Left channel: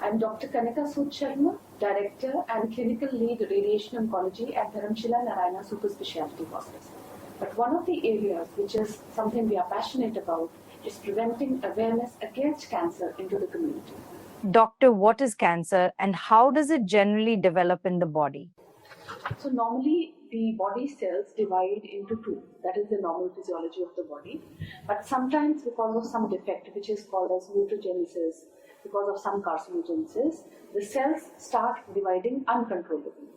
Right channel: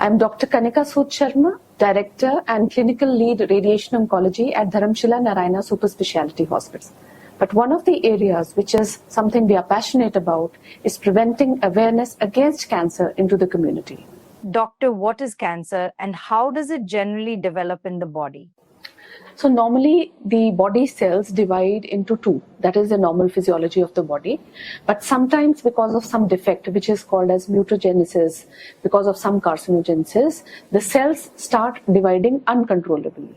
I'm Dr. Kanika Sood Sharma, Director and Clinical Lead Radiation Oncology at Dharamshila Narayana Super Speciality Hospital. But one of the areas which is something we are passionate about is preventing awareness against cancer into the community. Doctor, what is cancer and how does it generally develop in the body? So normally the body cells divide into two. That is the normal physiology of the body. But sometimes because of some defect, which is called as mutagenesis, because of some carcinogenesis, the cells start dividing uncontrollably.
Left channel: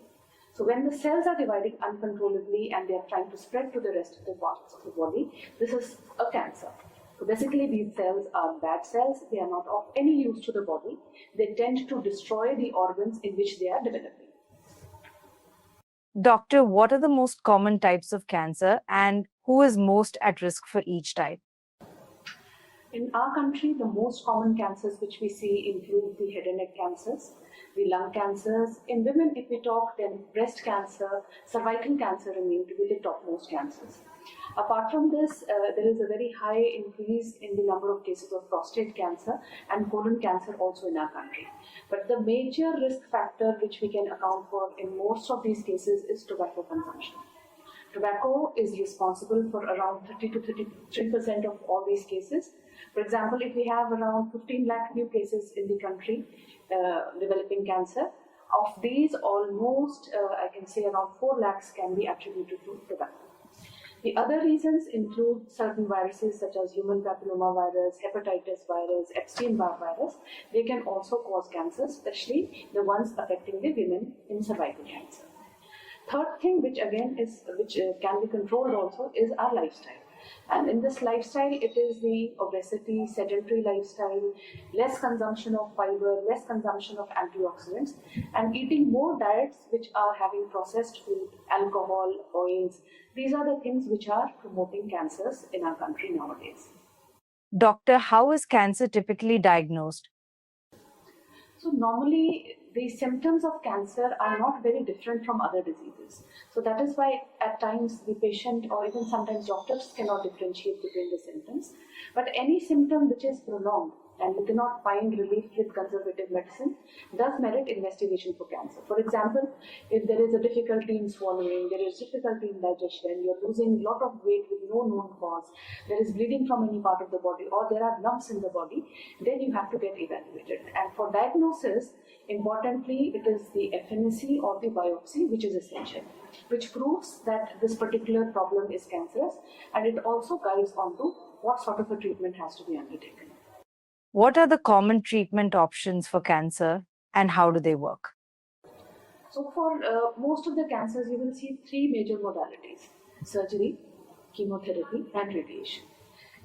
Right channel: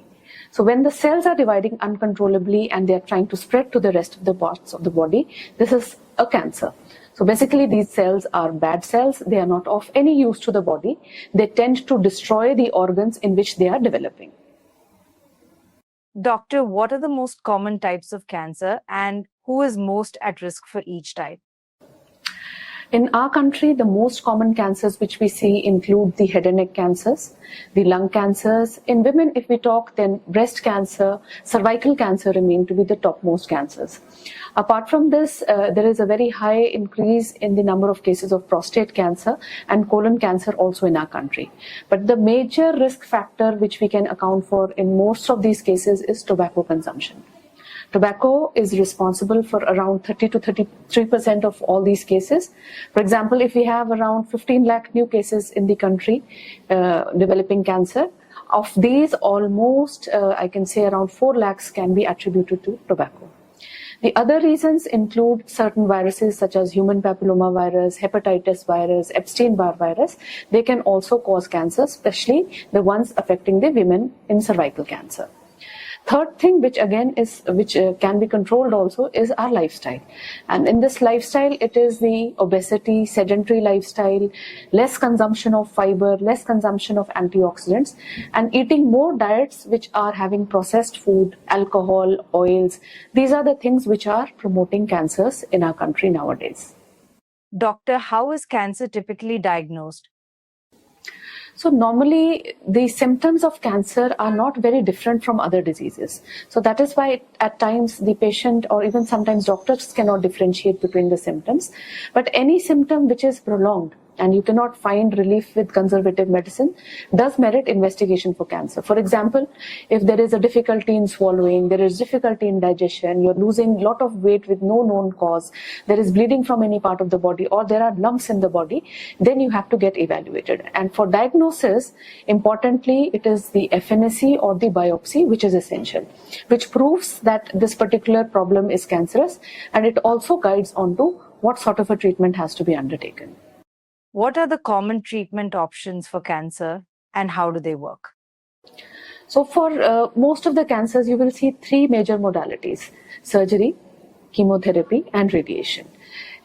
So when the cells are dividing uncontrollably and they are trying to spread to the rest of the parts of the body, this is a cancer. So basically these cells are bad cells. They are not of any use to the body. They tend to destroy the organs in which they are developing. Doctor, what are the most common types of cancer and who is most at risk for each type? In our country, the most common cancers which we see include the head and neck cancers, the lung cancers. In women, if we talk, then breast cancer, cervical cancer remain to be the topmost cancers. Apart from this, there is a very high increase in the number of cases of prostate cancer and colon cancer also in our country. But the major risk factor which we can account for in most of these cases is tobacco consumption. Tobacco is responsible for around 30 to 33% of all these cases. For example, if we have around 15 lakh new cases in the country developing cancer, of these almost, I can say around 4 lakhs can be attributed to tobacco. The other reasons include certain viruses such as human papilloma virus, hepatitis virus, Epstein-Barr virus. They can also cause cancer, especially the ones affecting the women in cervical cancer. Third thing, which again is can be controlled also, is our lifestyle. And in this lifestyle, it is the obesity, sedentary lifestyle, less consumption of fiber, less consumption of antioxidants, and eating more diets which are having processed food, alcohol, oils. These are the things which are promoting cancers in our country nowadays. Doctor, how is cancer typically diagnosed? So normally the symptoms of cancer are not very different from other diseases. So that is why at times the patient or even sometimes doctors cannot differentiate between the symptoms. But any symptom which is prolonged and you cannot find relief with conservative medicine does merit investigation for cancer. For example, if there is a difficulty in swallowing, there is difficulty in digestion, you're losing a lot of weight with no known cause, there is bleeding from any part of the body, or there are lumps in the body, then you have to get evaluated. And for diagnosis, importantly, it is the FNAC or the biopsy which is essential, which proves that this particular problem is cancerous, and it also guides on to what sort of a treatment has to be undertaken. What are the common treatment options for cancer and how do they work? So for most of the cancers, you will see three major modalities: surgery, chemotherapy, and radiation.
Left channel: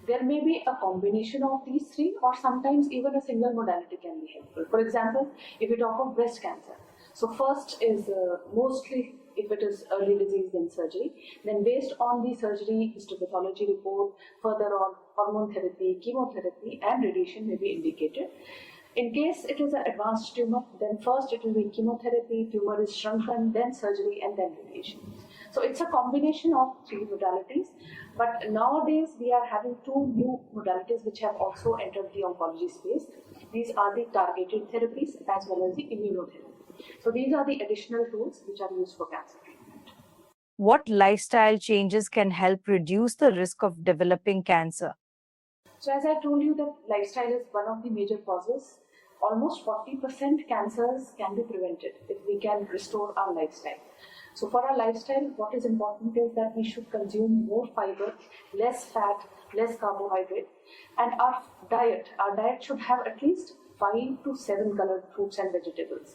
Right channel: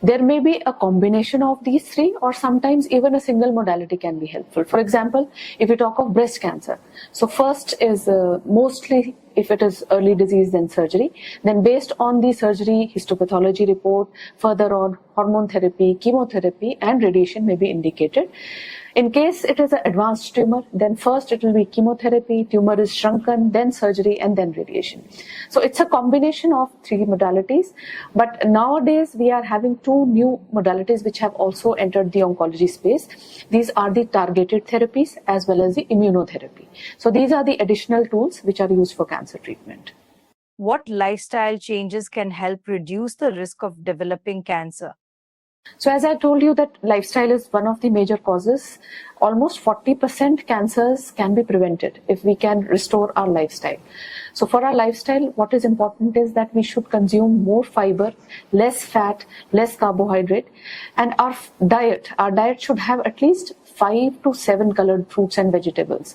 There may be a combination of these three, or sometimes even a single modality can be helpful. For example, if we talk of breast cancer, so first is mostly, if it is early disease, then surgery. Then based on the surgery histopathology report, further on hormone therapy, chemotherapy, and radiation may be indicated. In case it is an advanced tumor, then first it will be chemotherapy, tumor is shrunken, then surgery, and then radiation. So it's a combination of three modalities. But nowadays we are having two new modalities which have also entered the oncology space. These are the targeted therapies as well as the immunotherapy. So these are the additional tools which are used for cancer treatment. What lifestyle changes can help reduce the risk of developing cancer? So as I told you that lifestyle is one of the major causes. Almost 40% cancers can be prevented if we can restore our lifestyle. So for our lifestyle, what is important is that we should consume more fiber, less fat, less carbohydrate, and our diet should have at least 5 to 7 colored fruits and vegetables.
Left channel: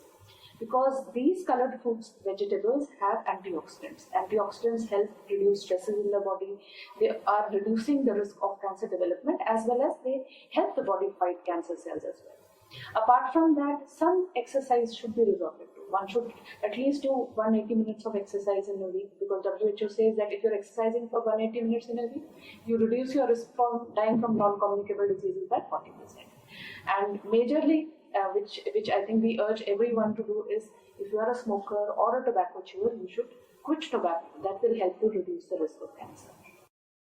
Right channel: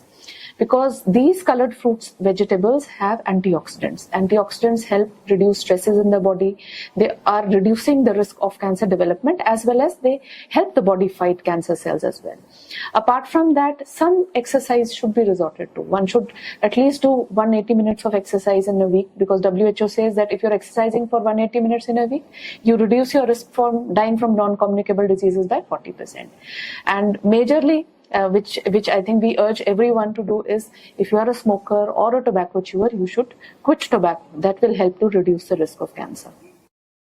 Because these colored fruits, vegetables have antioxidants. Antioxidants help reduce stresses in the body. They are reducing the risk of cancer development, as well as they help the body fight cancer cells as well. Apart from that, some exercise should be resorted to. One should at least do 180 minutes of exercise in a week, because WHO says that if you're exercising for 180 minutes in a week, you reduce your risk from dying from non-communicable diseases by 40%. And majorly, which I think we urge everyone to do is, if you are a smoker or a tobacco chewer, you should quit tobacco. That will help to reduce the risk of cancer.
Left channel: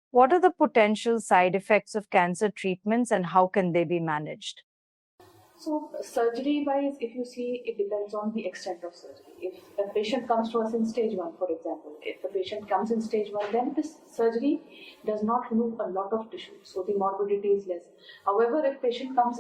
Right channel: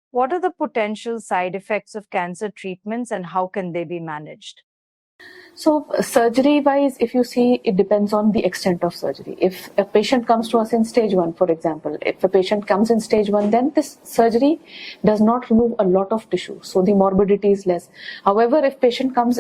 What are the potential side effects of cancer treatments and how can they be managed? So surgery wise, if you see, it depends on the extent of surgery. If a patient comes to us in stage 1, for example, if a patient comes in stage 1, then this surgery does not remove a lot of tissue, so the morbidity is less. However, if patient comes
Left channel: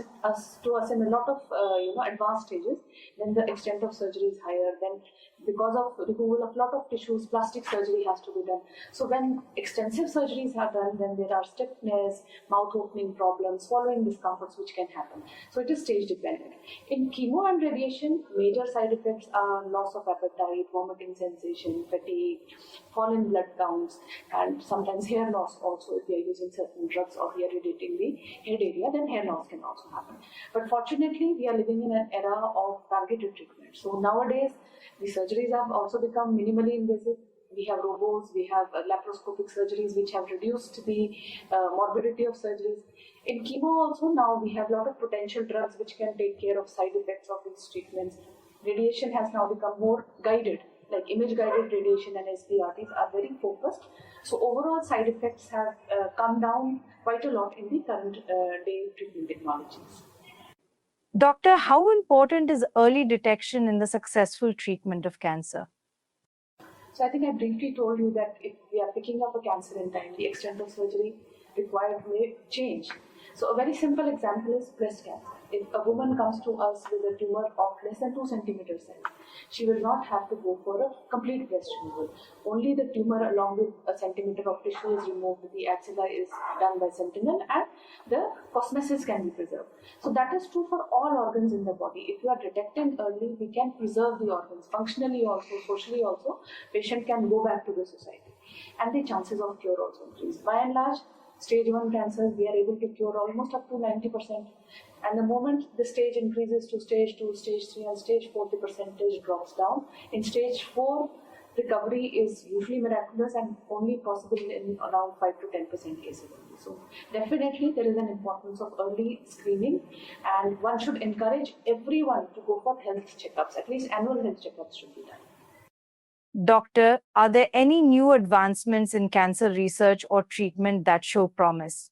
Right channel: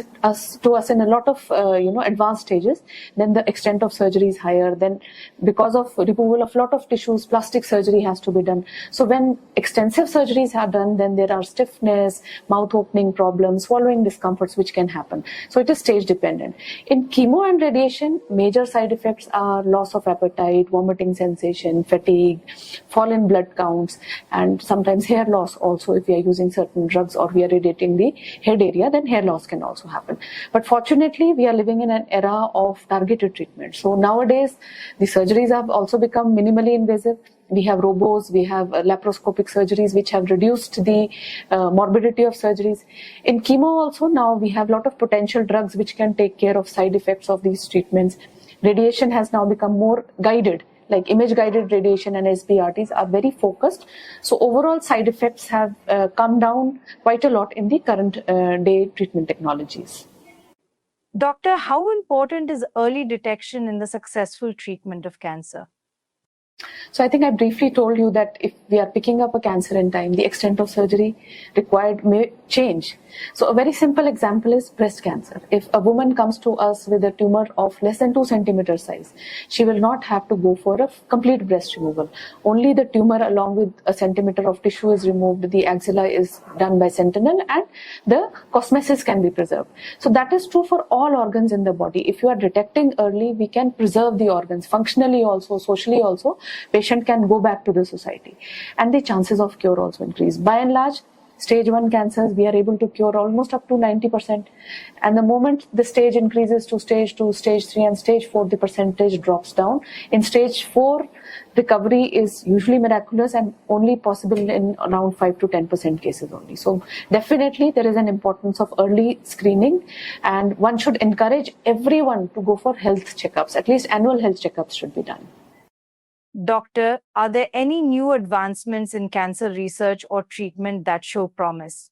to us in a lot of advanced stages, then the extent of surgery is higher. Then because of removal of lot of tissues, plastic surgery has to be done. So when extensive surgeries are done, then there are stiffness, mouth opening problems, swallowing discomforts which can happen. So it is stage dependent. In chemo and radiation, major side effects are loss of appetite, vomiting sensation, fatigue, fall in blood counts, and sometimes hair loss also. If we are using certain drugs or we are radiating the head area, then hair loss can also happen. But fortunately, we are living in an era of targeted treatment. So nowadays, the surgeries have also become minimally invasive. We have robos, we have laparoscopic surgeries which have reduced the morbidity of surgeries. In chemo also now we have a lot of potential drugs which can take care of side effects of these treatments. Radiation has now become more guided, like image guided radiation and SBRTs are very focused. So overall side effects have come down quite a lot in the current day treatment technologies. Doctor, how important is early detection in the successful treatment of cancer? So I think I briefly told you that if we are picking up a cancer in time, the extent of surgery required may change. So a very simple example is breast cancer. If a woman comes to us with a tumor of less than 2 centimeter size, she will not have to go for a complete breast removal. Only the tumor along with a centimeter of tissue is removed, the axilla is done by sentinel, and the cosmesis can be preserved. So that is true for all organs in the body. If you are detecting early, we can preserve the organs functionally also, socially also. Patient can go back to the society, and the chances of cure also increase. By and large, stage 1 cancers, we are able to cure almost up to 90%. And the moment the stage increases to stage 2, stage 3, and stage 4, the percentage drops down. In stage 4, recovery is usually miraculous and only possible in around 5 to 10% cases only. So definitely there is an importance of early screening, and one should encourage everyone to go for health checkups. At least annual health checkups should be done. Doctor, are there any new advancements in cancer research or treatment that show promise?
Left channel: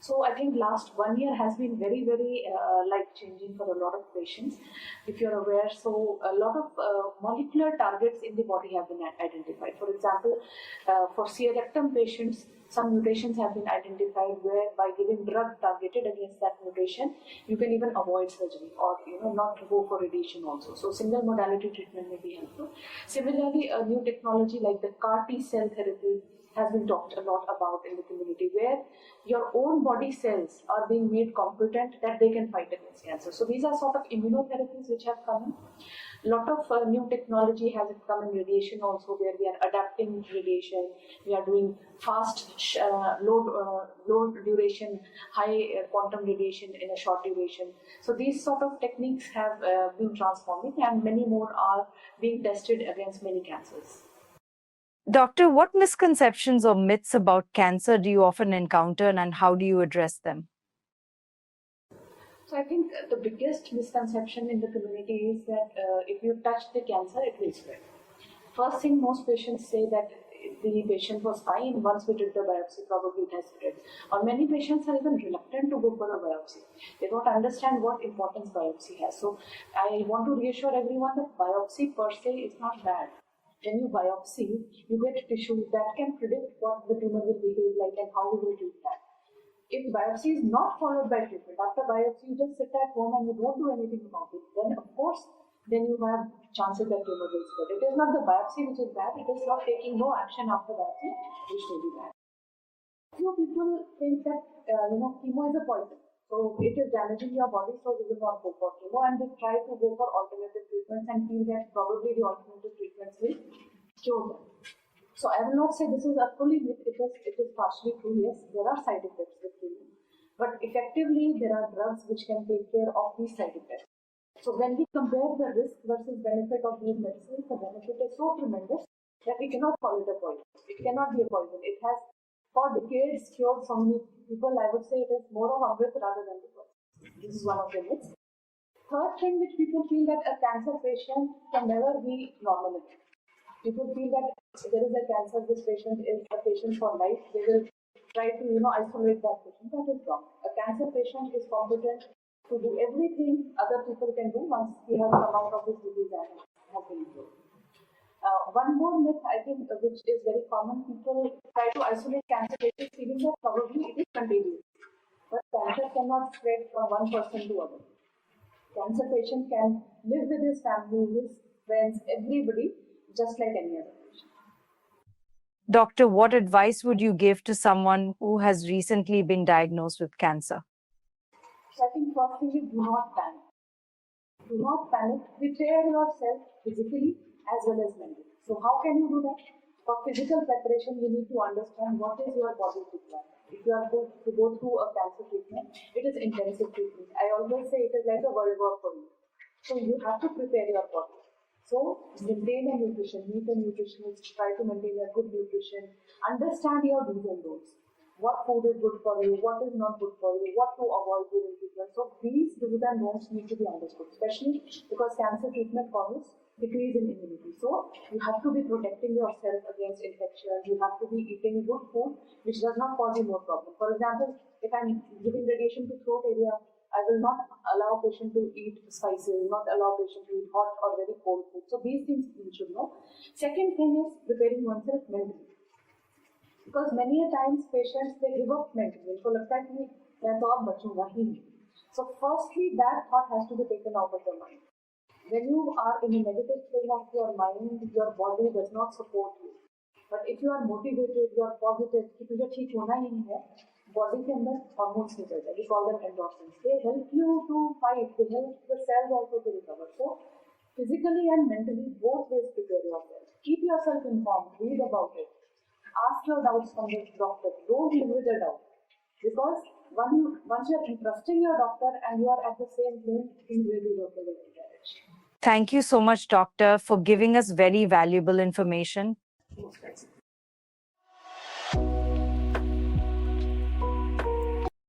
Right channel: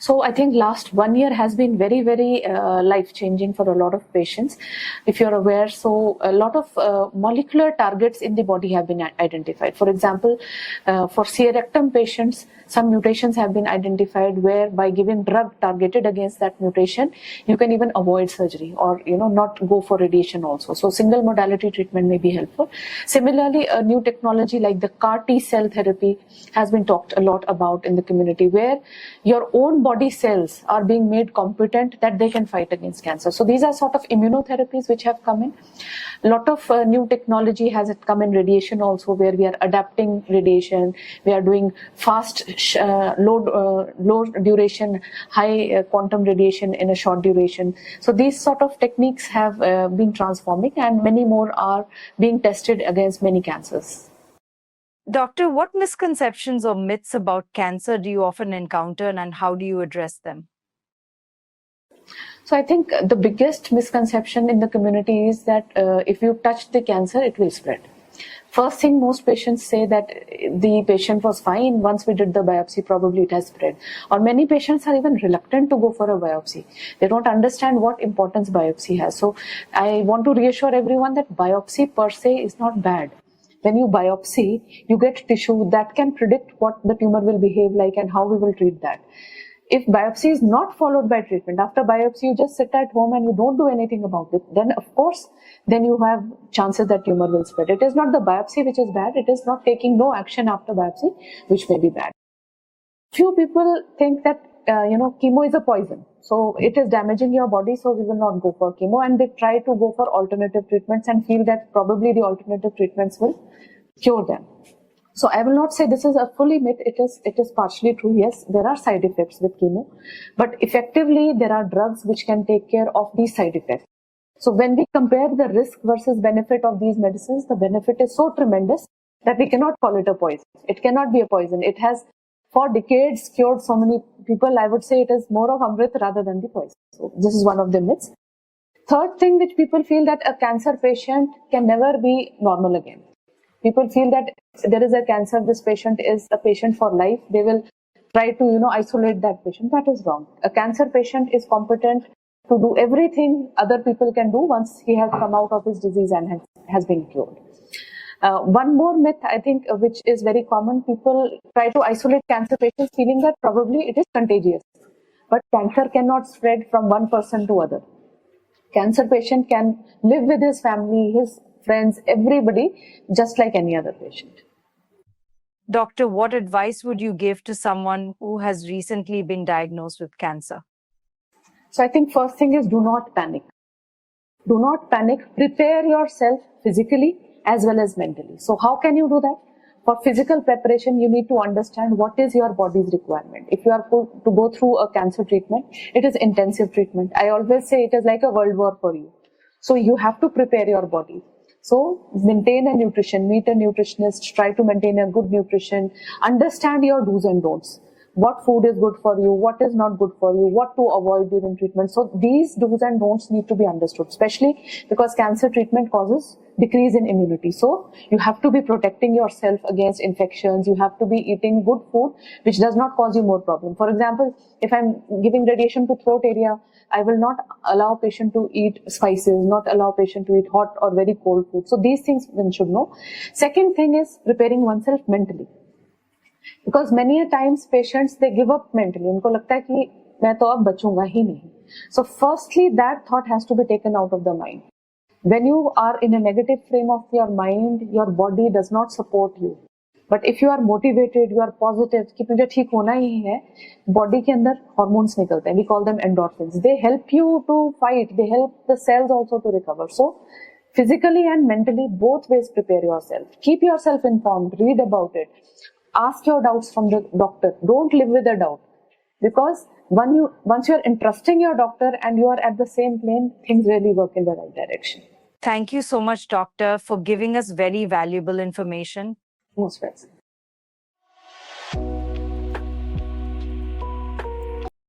So I think last 1 year has been very, very life-changing for a lot of patients. If you're aware, so a lot of molecular targets in the body have been identified. For example, for colorectal patients, some mutations have been identified where by giving drug targeted against that mutation, you can even avoid surgery or not go for radiation also. So single modality treatment may be helpful. Similarly, a new technology like the CAR T cell therapy has been talked a lot about in the community, where your own body cells are being made competent that they can fight against cancer. So these are sort of immunotherapies which have come in. A lot of new technology has come in radiation also, where we are adapting radiation. We are doing fast, low duration, high quantum radiation in a short duration. So these sort of techniques have been transforming, and many more are being tested against many cancers. Doctor, what misconceptions or myths about cancer do you often encounter, and how do you address them? So I think the biggest misconception in the community is that if you touch the cancer, it will spread. First thing, most patients say that the patient was fine. Once we did the biopsy, probably it has spread. Or many patients are even reluctant to go for a biopsy. They don't understand what importance biopsy has. So I want to reassure everyone that biopsy per se is not bad. When you biopsy, you get tissue that can predict what the tumor will behave like and how we will treat that. If biopsy is not followed by treatment, after biopsy you just sit at home and you don't do anything about it, then of course, then you have chances that tumor will spread. It is not the biopsy which is bad, it is not taking no action after biopsy which may be bad. Few people think that chemo is a poison, so it is damaging your body, so we will not go for chemo, and they try to go for alternative treatments and feel that probably the alternative treatments will cure them. So I will not say this is a fully myth. It is partially true. Yes, there are side effects with chemo, but effectively there are drugs which can take care of these side effects. So when we compare the risk versus benefit of these medicines, the benefit is so tremendous that we cannot call it a poison. It cannot be a poison. It has for decades cured so many people. I would say it is more of Amrit rather than the poison. So this is one of the myths. Third thing, which people feel, that a cancer patient can never be normal again. People feel that there is a cancer, this patient is a patient for life. They will try to isolate that patient. That is wrong. A cancer patient is competent to do everything other people can do once he has come out of his disease and has been cured. One more myth, I think, which is very common: people try to isolate cancer patients feeling that probably it is contagious. But cancer cannot spread from one person to other. Cancer patient can live with his family, his friends, everybody, just like any other patient. Doctor, what advice would you give to someone who has recently been diagnosed with cancer? So I think first thing is, do not panic. Do not panic. Prepare yourself physically as well as mentally. So how can you do that? For physical preparation, you need to understand what is your body's requirement. If you are to go through a cancer treatment, it is intensive treatment. I always say it is like a world war for you. So you have to prepare your body. So maintain a nutrition, meet a nutritionist, try to maintain a good nutrition, understand your do's and don'ts. What food is good for you, what is not good for you, what to avoid during treatment. So these do's and don'ts need to be understood, especially because cancer treatment causes decrease in immunity. So you have to be protecting yourself against infections. You have to be eating good food which does not cause you more problem. For example, if I'm giving radiation to throat area, I will not allow patient to eat spices, not allow patient to eat hot or very cold food. So these things one should know. Second thing is preparing oneself mentally. Because many a times patients, they give up mentally. उनको लगता है कि मैं तो अब बचूंगा ही नहीं. So firstly, that thought has to be taken out of the mind. When you are in a negative frame of your mind, your body does not support you. But if you are motivated, you are positive कि मुझे ठीक होना ही है, body के अंदर hormones निकलते हैं. We call them endorphins. They help you to fight. They help the cells also to recover. So physically and mentally, both ways prepare yourself. Keep yourself informed. Read about it. Ask your doubts from the doctor. Don't live with a doubt. Because once you're entrusting your doctor and you are at the same plane, things really work in the right direction. Thank you so much, doctor, for giving us very valuable information. Most welcome.